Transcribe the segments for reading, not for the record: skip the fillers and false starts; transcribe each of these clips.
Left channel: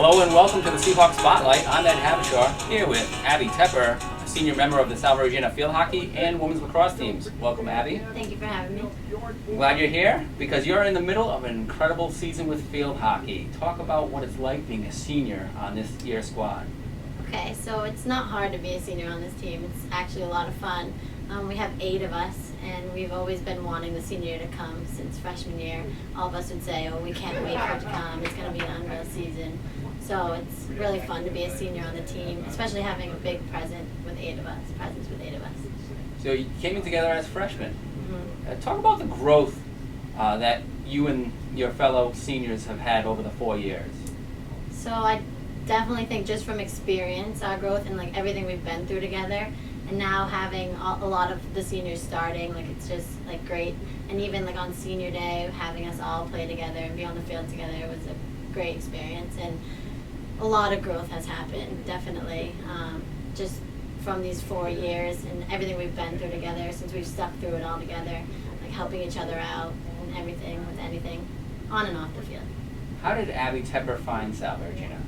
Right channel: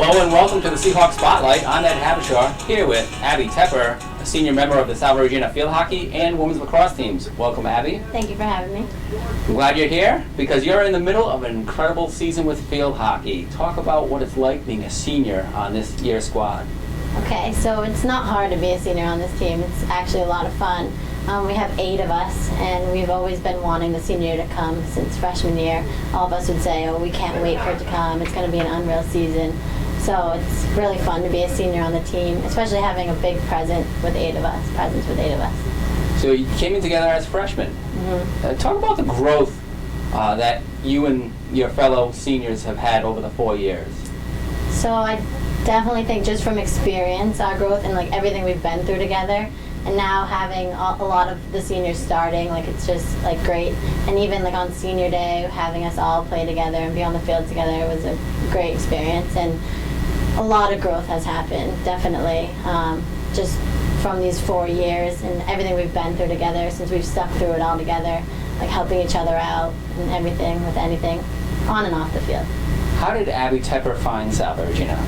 Hello and welcome to the Seahawk Spotlight. I'm Ed Habershaw, here with Abby Tepper, a senior member of the Salve Regina field hockey and women's lacrosse teams. Welcome, Abby. Thank you for having me. I'm glad you're here because you're in the middle of an incredible season with field hockey. Talk about what it's like being a senior on this year's squad. Okay, so it's not hard to be a senior on this team. It's actually a lot of fun. We have 8 of us, and we've always been wanting the senior year to come since freshman year. All of us would say, oh, we can't wait for it to come. It's going to be an unreal season. So it's really fun to be a senior on the team, especially having a big presence with 8 of us. So you came in together as freshmen. Mm-hmm. Talk about the growth that you and your fellow seniors have had over the 4 years. So I definitely think just from experience, our growth and like everything we've been through together, and now having a lot of the seniors starting, like it's just like great. And even like on senior day, having us all play together and be on the field together was a great experience. And a lot of growth has happened, definitely, just from these 4 years and everything we've been through together since we've stuck through it all together, like helping each other out and everything with anything on and off the field. How did Abby Tepper find Salve Regina?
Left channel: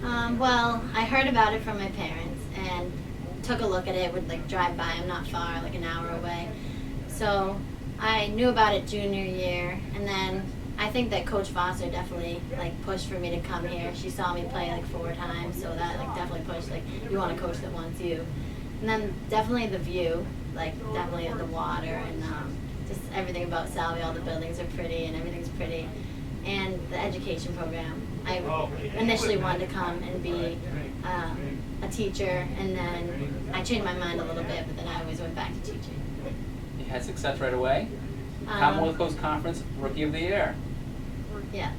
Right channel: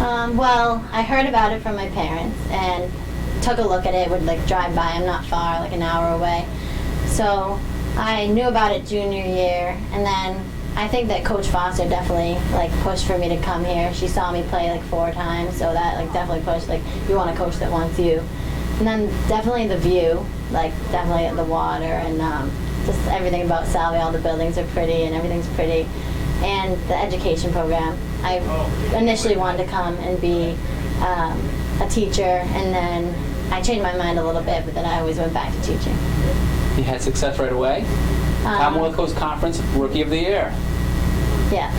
Well, I heard about it from my parents and took a look at it, would like drive by. I'm not far, like an hour away. So I knew about it junior year, and then I think that Coach Foster definitely like pushed for me to come here. She saw me play like 4 times, so that like definitely pushed, like you want a coach that wants you. And then definitely the view, like definitely the water and just everything about Salve. All the buildings are pretty and everything's pretty. And the education program. I initially wanted to come and be a teacher, and then I changed my mind a little bit, but then I always went back to teaching. You had success right away? Commonwealth Coast Conference Rookie of the Year. Yeah.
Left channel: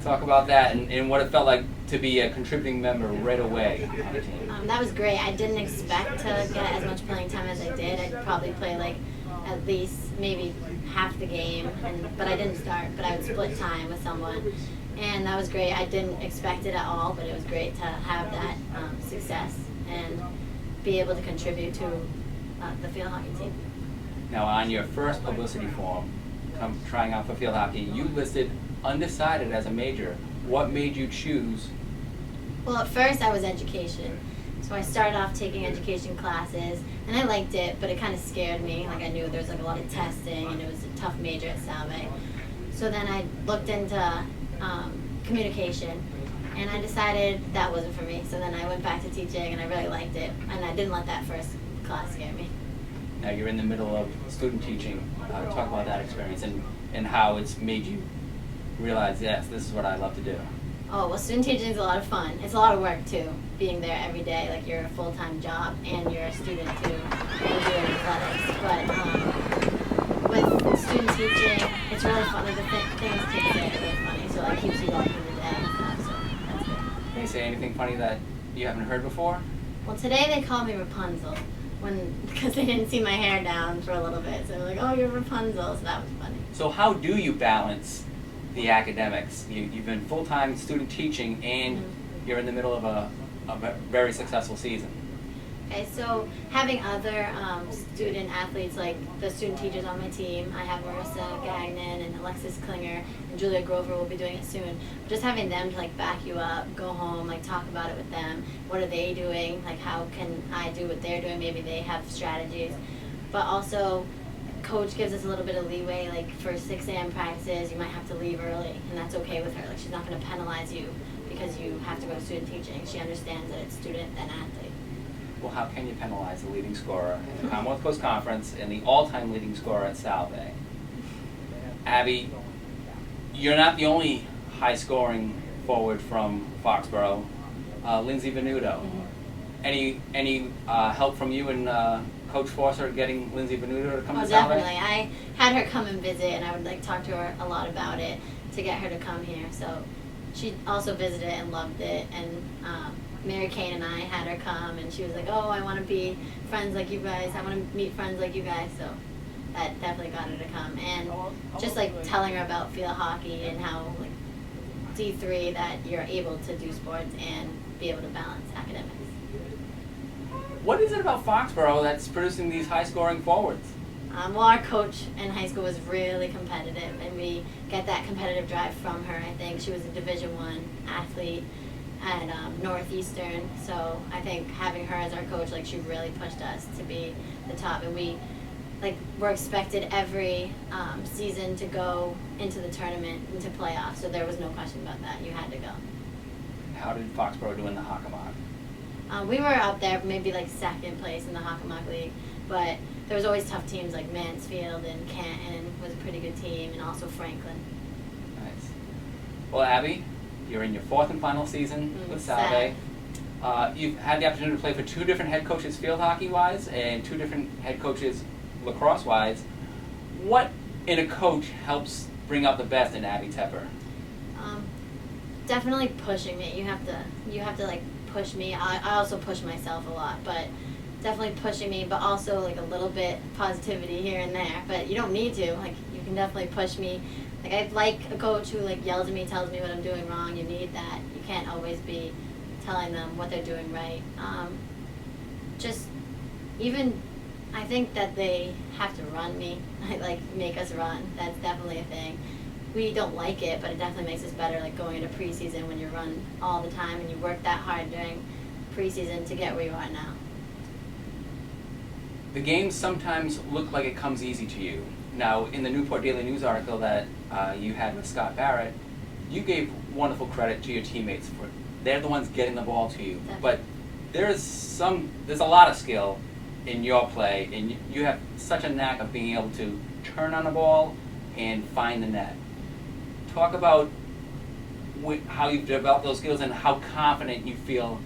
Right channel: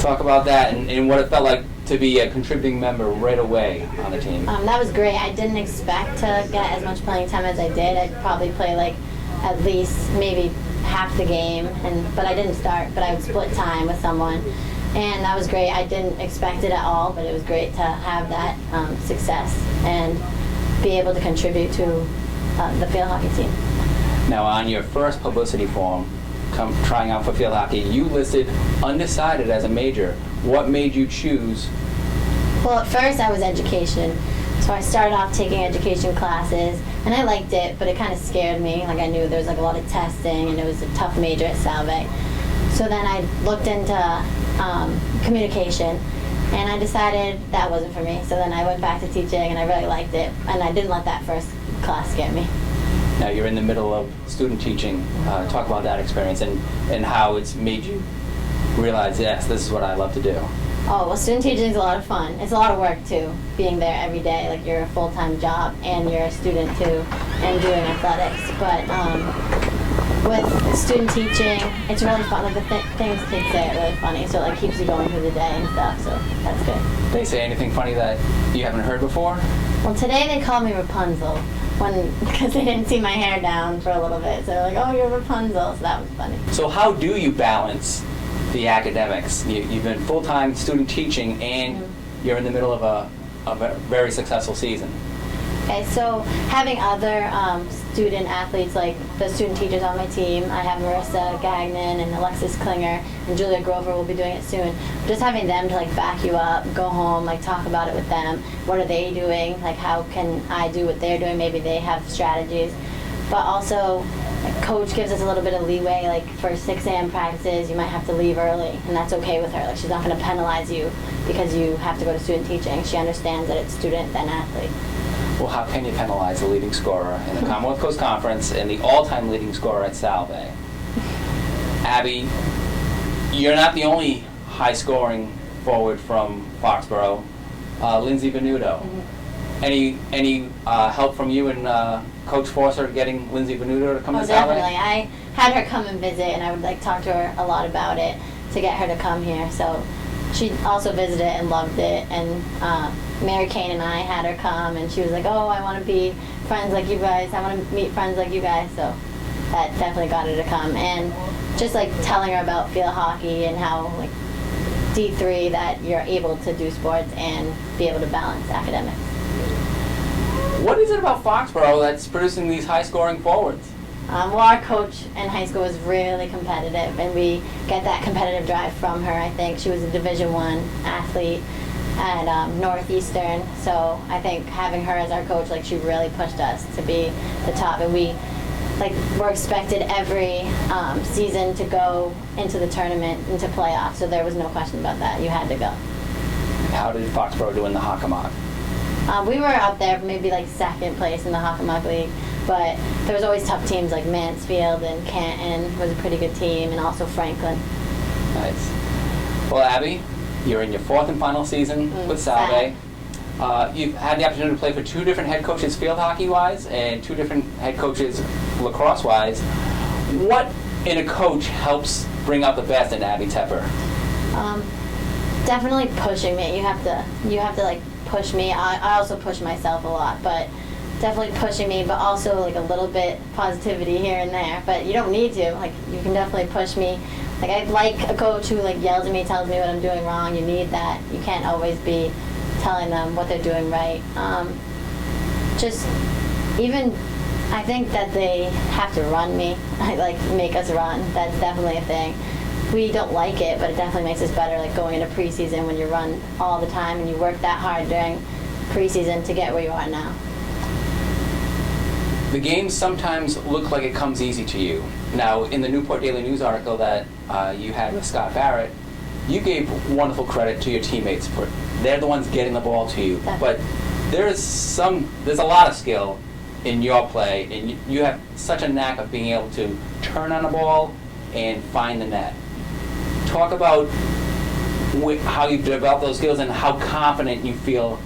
Talk about that and what it felt like to be a contributing member right away on the team. That was great. I didn't expect to get as much playing time as I did. I'd probably play like at least maybe half the game, but I didn't start, but I would split time with someone. And that was great. I didn't expect it at all, but it was great to have that success and be able to contribute to the field hockey team. Now, on your first publicity form, trying out for field hockey, you listed undecided as a major. What made you choose? Well, at first I was education. So I started off taking education classes, and I liked it, but it kind of scared me. Like I knew there was like a lot of testing, and it was a tough major at Salve. So then I looked into communication, and I decided that wasn't for me. So then I went back to teaching, and I really liked it, and I didn't let that first class scare me. Now you're in the middle of student teaching. Talk about that experience and how it's made you realize, yes, this is what I love to do. Oh, well, student teaching is a lot of fun. It's a lot of work, too, being there every day. Like, you're a full-time job, and you're a student, too, and doing athletics. But with student teaching, it's really fun. Like, the things kids say are really funny, so it like, keeps you going through the day and stuff, so that's good. They say anything funny that you haven't heard before? Well, today they called me Rapunzel because they didn't see my hair down for a little bit. So they're like, oh, you're Rapunzel, so that was funny. So how do you balance the academics? You've been full-time student teaching, and you're in the middle of a very successful season. Okay, so having other student athletes, like the student teachers on my team, I have Marissa Gagnon and Alexis Klinger, and Julia Grover will be doing it soon. Just having them to like back you up, go home, like talk about it with them. What are they doing? Like how can I do what they're doing? Maybe they have strategies. But also, coach gives us a little bit of leeway, like for 6 a.m. practices, you might have to leave early, and that's okay with her. Like she's not going to penalize you because you have to go to student teaching. She understands that it's student then athlete. Well, how can you penalize the leading scorer in the Commonwealth Coast Conference and the all-time leading scorer at Salve? Abby, you're not the only high-scoring forward from Foxboro. Lindsay Venuto. Any help from you and Coach Forster getting Lindsay Venuto to come to Salve? Definitely. I had her come and visit, and I would like talk to her a lot about it to get her to come here. So she also visited and loved it, and Mary Kane and I had her come, and she was like, oh, I want to be friends like you guys. I want to meet friends like you guys. So that definitely got her to come. And just like telling her about field hockey and how like D3 that you're able to do sports and be able to balance academics. What is it about Foxboro that's producing these high-scoring forwards? Well, our coach in high school was really competitive, and we get that competitive drive from her. I think she was a Division I athlete at Northeastern, so I think having her as our coach, like, she really pushed us to be the top, and we're expected every season to go into the tournament, into playoffs, so there was no question about that. You had to go. How did Foxboro do in the Hockomock? We were up there, maybe like second place in the Hockomock League, but there was always tough teams like Mansfield and Canton was a pretty good team, and also Franklin. Nice. Well, Abby, you're in your fourth and final season with Salve. You've had the opportunity to play for two different head coaches field hockey-wise and two different head coaches lacrosse-wise. What in a coach helps bring out the best in Abby Tepper? Definitely pushing me. You have to like push me. I also push myself a lot, but definitely pushing me, but also like a little bit positivity here and there. But you don't need to. Like, you can definitely push me. Like, I like a coach who like yells at me, tells me what I'm doing wrong. You need that. You can't always be telling them what they're doing right. Just even, I think that they have to run me, like make us run. That's definitely a thing. We don't like it, but it definitely makes us better, like going into preseason when you run all the time and you work that hard during preseason to get where you are now. The games sometimes look like it comes easy to you. Now, in the Newport Daily News article that you had with Scott Barrett, you gave wonderful credit to your teammates for they're the ones getting the ball to you. Definitely. But there's a lot of skill in your play, and you have such a knack of being able to turn on a ball and find the net. Talk about how you develop those skills and how confident you feel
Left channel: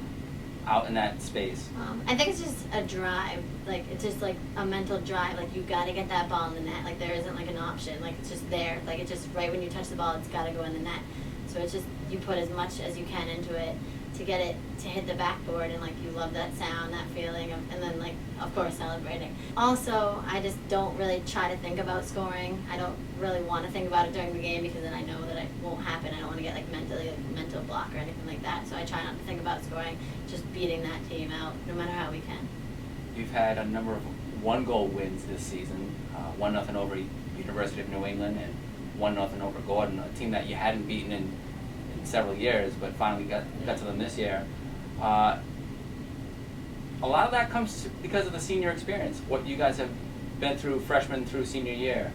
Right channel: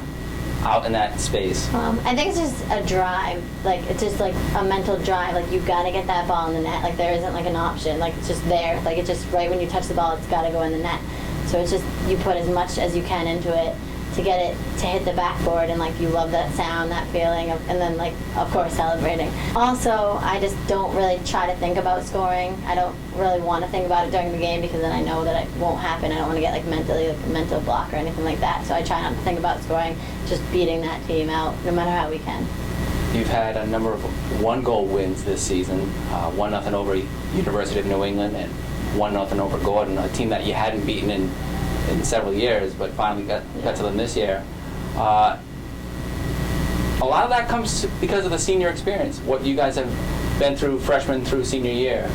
out in that space. I think it's just a drive. Like, it's just like a mental drive. Like, you've got to get that ball in the net. Like, there isn't like an option. Like, it's just there. Like, it's just right when you touch the ball, it's got to go in the net. So it's just, you put as much as you can into it to get it to hit the backboard, and like, you love that sound, that feeling of, and then like, of course, celebrating. Also, I just don't really try to think about scoring. I don't really want to think about it during the game, because then I know that it won't happen. I don't want to get like mentally, like a mental block or anything like that. So I try not to think about scoring, just beating that team out no matter how we can. You've had a number of one-goal wins this season, 1-0 over University of New England and 1-0 over Gordon, a team that you hadn't beaten in several years, but finally got to them this year. A lot of that comes because of the senior experience, what you guys have been through freshman through senior year.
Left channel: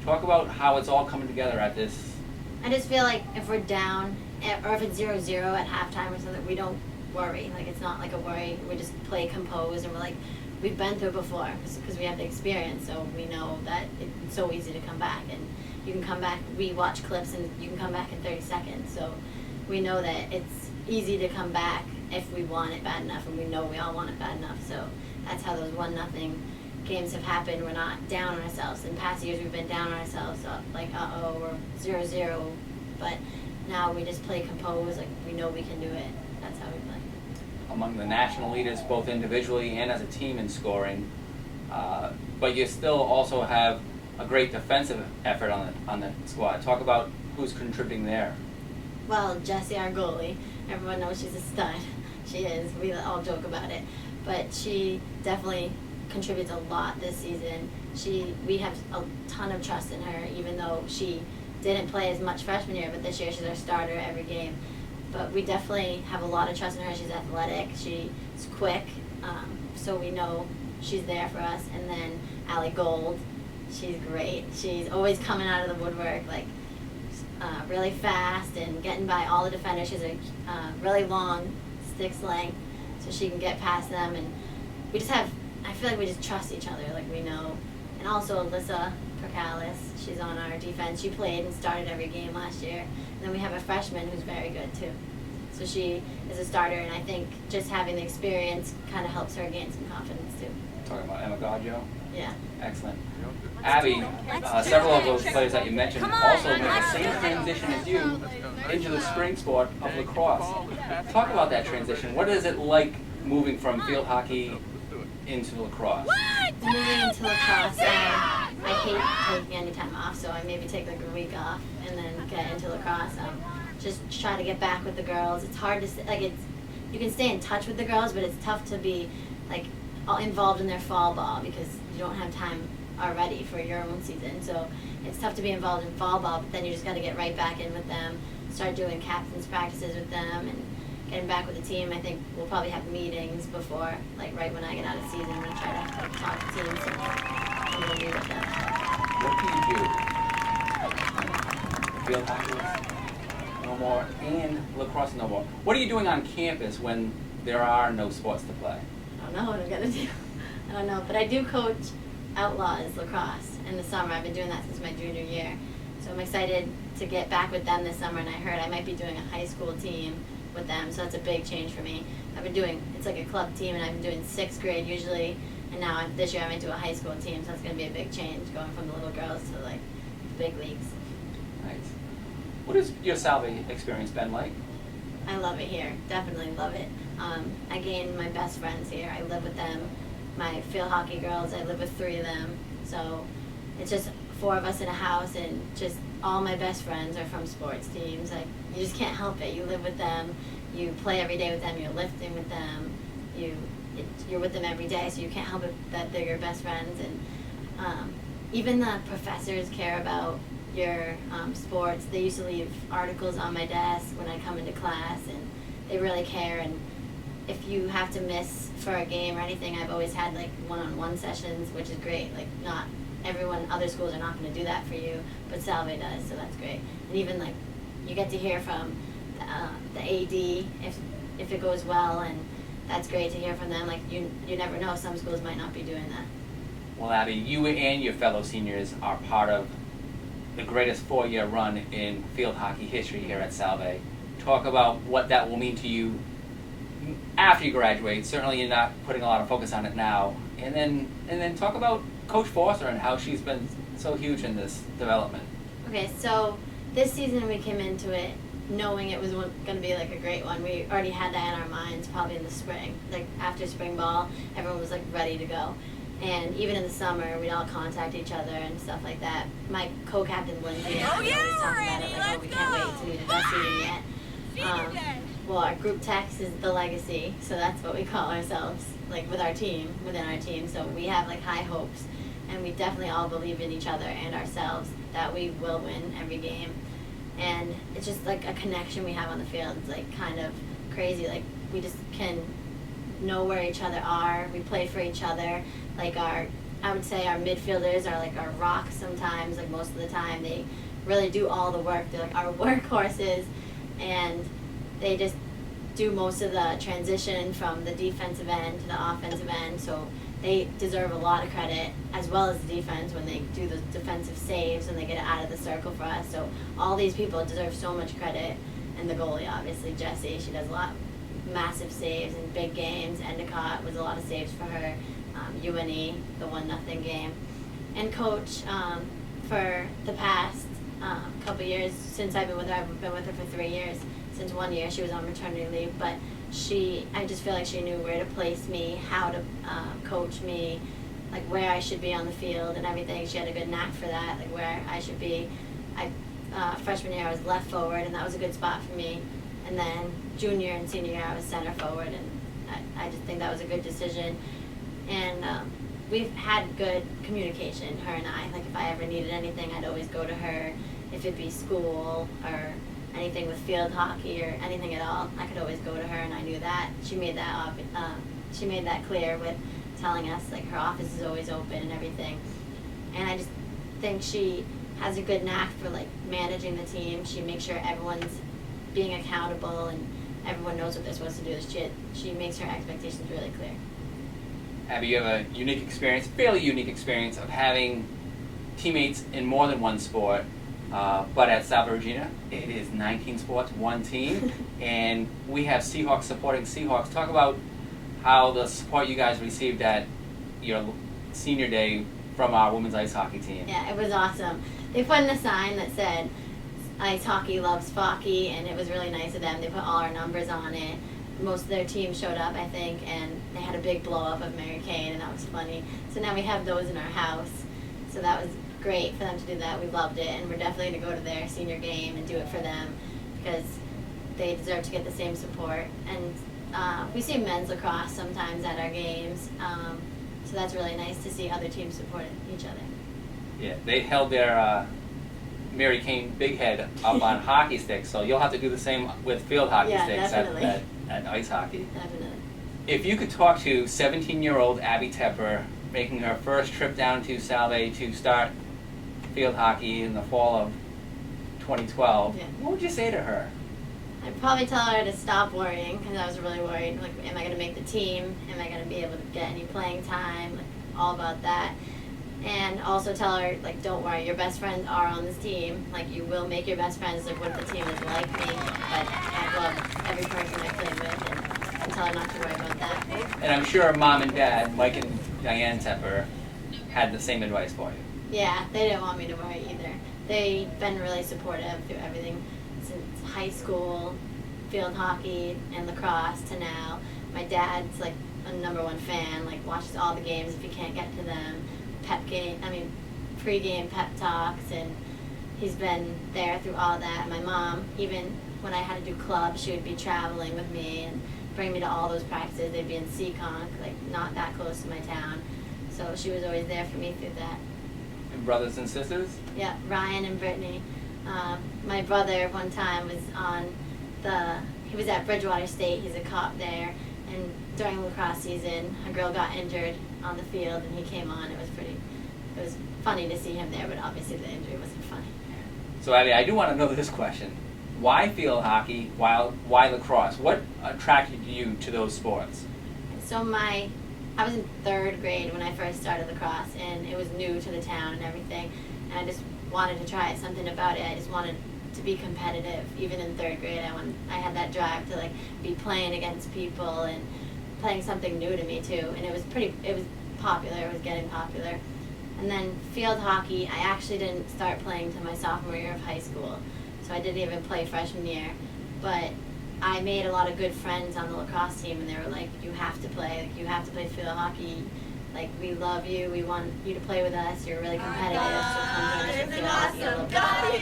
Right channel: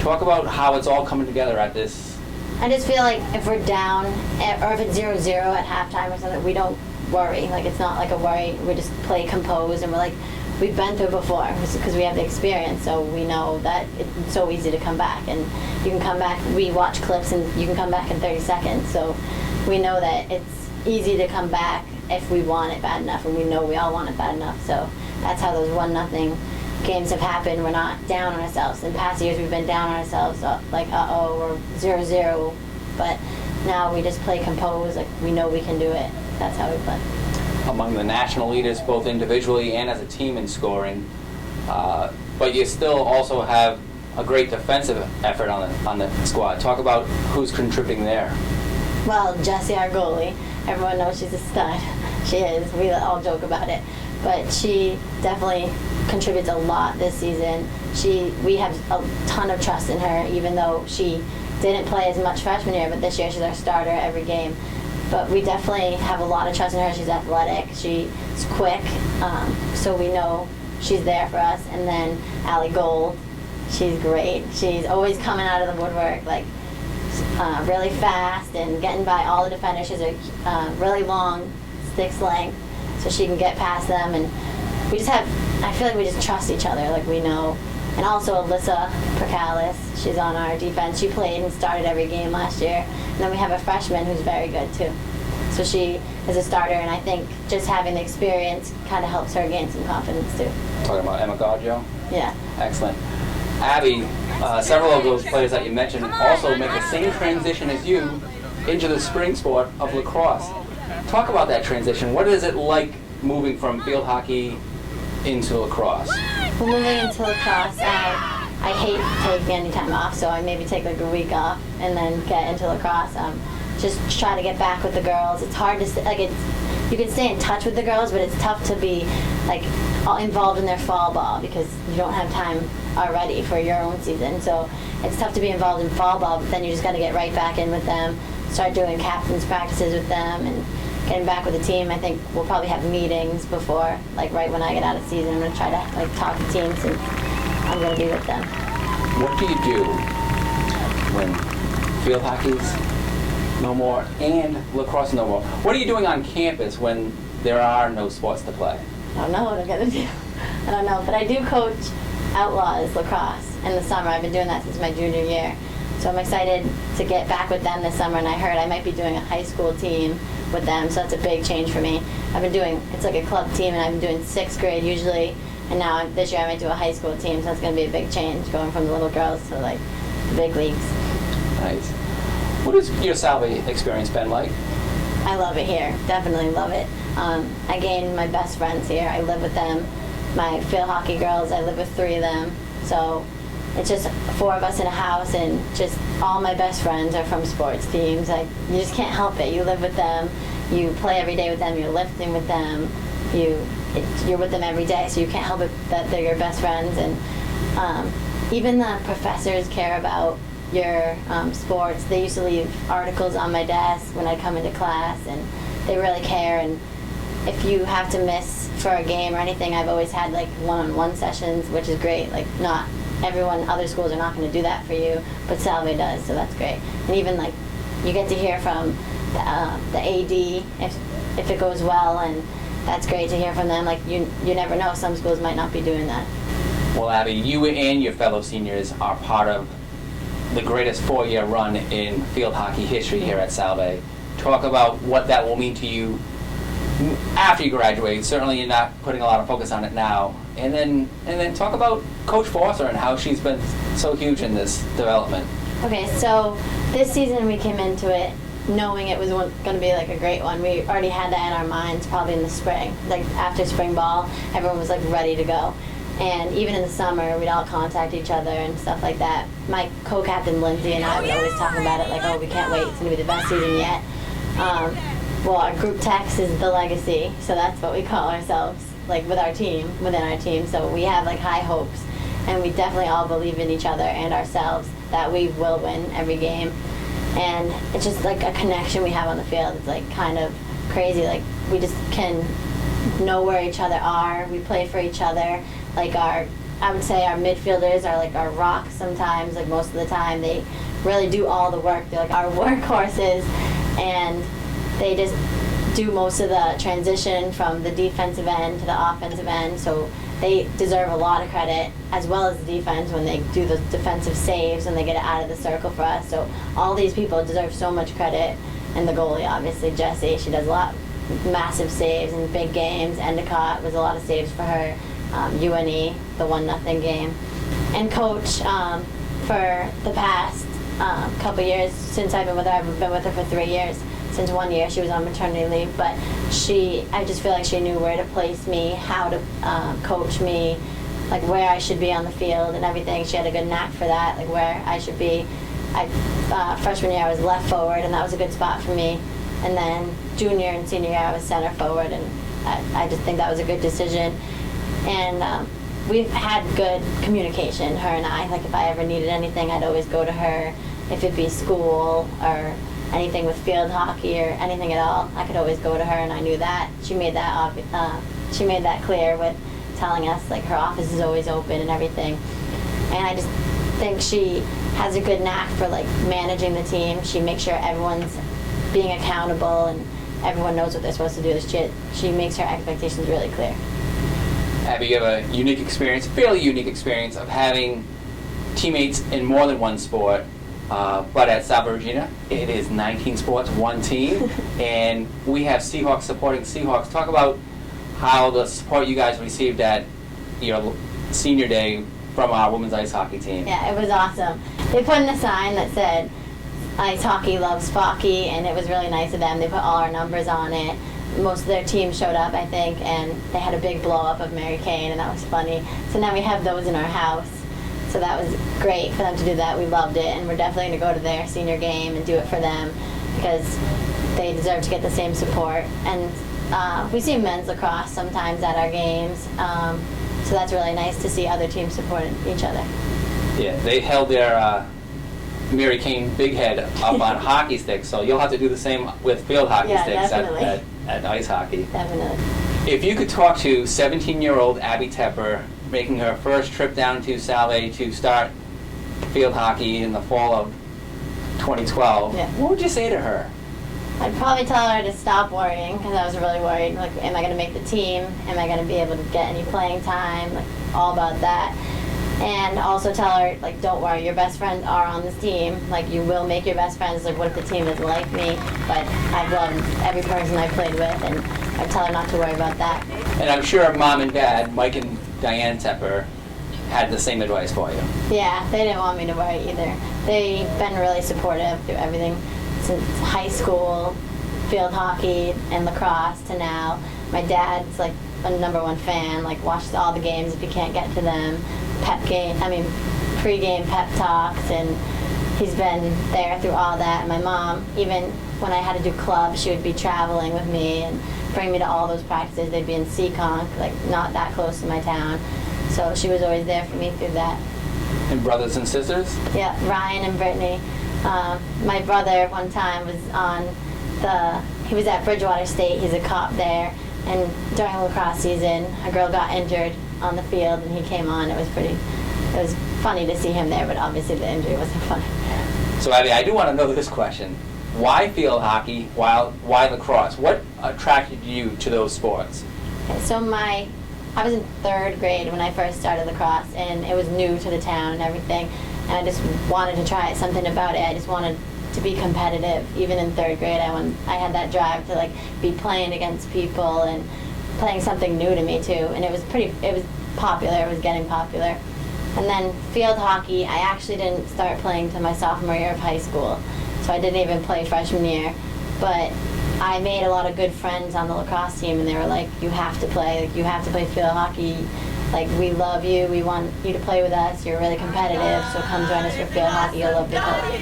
Talk about how it's all coming together at this. I just feel like if we're down, or if it's 0-0 at halftime or something, we don't worry. Like, it's not like a worry. We just play composed, and we're like, we've been through it before, because we have the experience, so we know that it's so easy to come back. And you can come back, we watch clips, and you can come back in 30 seconds. So we know that it's easy to come back if we want it bad enough, and we know we all want it bad enough. So that's how those 1-0 games have happened. We're not down on ourselves. In past years, we've been down on ourselves, like, or 0-0. But now we just play composed, like, we know we can do it. That's how we play. Among the national leaders, both individually and as a team in scoring, but you still also have a great defensive effort on the squad. Talk about who's contributing there. Well, Jessie, our goalie, everyone knows she's a stud. She is. We all joke about it. But she definitely contributes a lot this season. We have a ton of trust in her, even though she didn't play as much freshman year, but this year she's our starter every game. But we definitely have a lot of trust in her. She's athletic. She's quick. So we know she's there for us. And then Allie Gold, she's great. She's always coming out of the woodwork, like really fast and getting by all the defenders. She's a really long stick length, so she can get past them. And we just have, I feel like we just trust each other, like we know. And also Alyssa Percalis, she's on our defense. She played and started every game last year. And then we have a freshman who's very good too. So she is a starter, and I think just having the experience kind of helps her gain some confidence too. Talking about Emma Gaggio? Yeah. Excellent. Abby, several of those players that you mentioned also make the same transition as you into the spring sport of lacrosse. Talk about that transition. What is it like moving from field hockey into lacrosse? Well, moving into lacrosse, I hate taking any time off, so I maybe take like a week off and then get into lacrosse. Just try to get back with the girls. It's hard to you can stay in touch with the girls, but it's tough to be like all involved in their fall ball because you don't have time already for your own season. So it's tough to be involved in fall ball, but then you just got to get right back in with them, start doing captain's practices with them, and getting back with the team. I think we'll probably have meetings before, like right when I get out of season. I'm going to try to like talk to teams, and I'm going to be with them. What do you do when field hockey's no more and lacrosse no more? What are you doing on campus when there are no sports to play? I don't know what I'm going to do. I don't know, but I do coach Outlaws lacrosse in the summer. I've been doing that since my junior year. So I'm excited to get back with them this summer, and I heard I might be doing a high school team with them, so that's a big change for me. I've been doing, it's like a club team, and I've been doing 6th grade usually, and now this year I might do a high school team, so that's going to be a big change, going from the little girls to like the big leagues. Nice. What has your Salve experience been like? I love it here, definitely love it. I gained my best friends here. I live with them. My field hockey girls, I live with 3 of them, so it's just 4 of us in a house, and just all my best friends are from sports teams. Like, you just can't help it. You live with them, you play every day with them, you're lifting with them, you're with them every day, so you can't help it that they're your best friends. And even the professors care about your sports. They used to leave articles on my desk when I come into class, and they really care. And if you have to miss for a game or anything, I've always had like one-on-one sessions, which is great. Like, not everyone, other schools are not going to do that for you, but Salve does, so that's great. And even like you get to hear from the AD if it goes well, and that's great to hear from them. Like, you never know, some schools might not be doing that. Well, Abby, you and your fellow seniors are part of the greatest 4-year run in field hockey history here at Salve. Talk about what that will mean to you after you graduate. Certainly you're not putting a lot of focus on it now. And then talk about Coach Foster and how she's been so huge in this development. Okay, so this season we came into it knowing it was going to be like a great one. We already had that in our minds probably in the spring. Like, after spring ball, everyone was like ready to go. And even in the summer, we'd all contact each other and stuff like that. My co-captain Lindsay and I would always talk about it, like, oh, we can't wait to do the best season yet. Well, our group text is the legacy, so that's what we call ourselves, like, with our team, within our team. So we have like high hopes, and we definitely all believe in each other and ourselves that we will win every game. And it's just like a connection we have on the field. It's like kind of crazy. Like, we just can know where each other are. We play for each other. Like, I would say our midfielders are like our rocks sometimes. Like, most of the time, they really do all the work. They're like our workhorses, and they just do most of the transition from the defensive end to the offensive end. So they deserve a lot of credit, as well as the defense, when they do the defensive saves and they get it out of the circle for us. So all these people deserve so much credit. And the goalie, obviously, Jessie, she does a lot, massive saves in big games. Endicott was a lot of saves for her. UNE, the 1-0 game. And Coach, for the past couple years, since I've been with her, I've been with her for 3 years. Since 1 year, she was on maternity leave, but I just feel like she knew where to place me, how to coach me, like where I should be on the field and everything. She had a good knack for that, like where I should be. Freshman year, I was left forward, and that was a good spot for me. And then junior and senior year, I was center forward, and I just think that was a good decision. And we've had good communication, her and I. Like, if I ever needed anything, I'd always go to her. If it'd be school or anything with field hockey or anything at all, I could always go to her, and I knew that. She made that clear with telling us, like, her office is always open and everything. And I just think she has a good knack for, like, managing the team. She makes sure everyone's being accountable and everyone knows what they're supposed to do. She makes her expectations really clear. Abby, you have a unique experience, fairly unique experience, of having teammates in more than one sport. But at Salve Regina, it is 19 sports, one team, and we have Seahawks supporting Seahawks. Talk about how the support you guys received at your senior day from our women's ice hockey team. Yeah, it was awesome. They put in a sign that said, "Ice hockey loves Focky," and it was really nice of them. They put all our numbers on it. Most of their team showed up, I think, and they had a big blow-up of Mary Kane, and that was funny. So now we have those in our house. So that was great for them to do that. We loved it, and we're definitely going to go to their senior game and do it for them, because they deserve to get the same support. And we see men's lacrosse sometimes at our games. So that's really nice to see other teams supporting each other. Yeah, they held their Mary Kane Big Head up on hockey sticks, so you'll have to do the same with field hockey Yeah, sticks at ice hockey. Definitely. If you could talk to 17-year-old Abby Tepper making her first trip down to Salve to start field hockey in the fall of 2012, Yeah. what would you say to her? I'd probably tell her to stop worrying because I was really worried. Like, am I going to make the team? Am I going to be able to get any playing time? Like, all about that. And also tell her, like, don't worry, your best friends are on this team. Like, you will make your best friends. Like, what if the team isn't like me? But I've loved every person I've played with, and I tell her not to worry about that. And I'm sure Mom and Dad, Mike and Diane Tepper, had the same advice for you. Yeah, they didn't want me to worry either. They've been really supportive through everything since high school, field hockey, and lacrosse to now. My dad's like a #1 fan, like watches all the games if you can't get to them. Pre-game pep talks, and he's been there through all that. And my mom, even when I had to do clubs, she would be traveling with me and bring me to all those practices. They'd be in Seahawk, like not that close to my town. So she was always there for me through that. And brothers and sisters? Yeah, Ryan and Brittany. My brother one time he was at Bridgewater State, he's a cop there, and during lacrosse season, a girl got injured on the field and he came on. It was funny to see him there, but obviously the injury wasn't funny. So Abby, I do want to know this question. Why field hockey? Why lacrosse? What attracted you to those sports? Okay, so I was in 3rd grade when I first started lacrosse, and it was new to the town and everything, and I just wanted to try something about it. I just wanted to be competitive. Even in 3rd grade, I had that drive to like be playing against people and playing something new to me too, and it was popular. It was getting popular. And then field hockey, I actually didn't start playing till my sophomore year of high school, so I didn't even play freshman year. But I made a lot of good friends on the lacrosse team, and they were like, you have to play field hockey. Like, we love you, we want you to play with us, you're really competitive, so come join us for field hockey, you'll love it.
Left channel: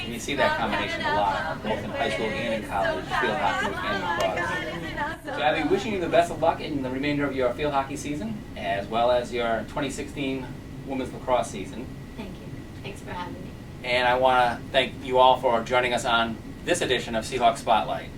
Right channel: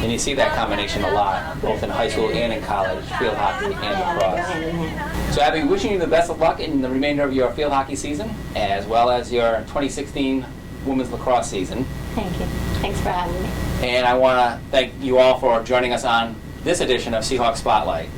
And you see that combination a lot, both in high school and in college, field hockey and lacrosse. So Abby, wishing you the best of luck in the remainder of your field hockey season, as well as your 2016 women's lacrosse season. Thank you. Thanks for having me. And I want to thank you all for joining us on this edition of Seahawk Spotlight.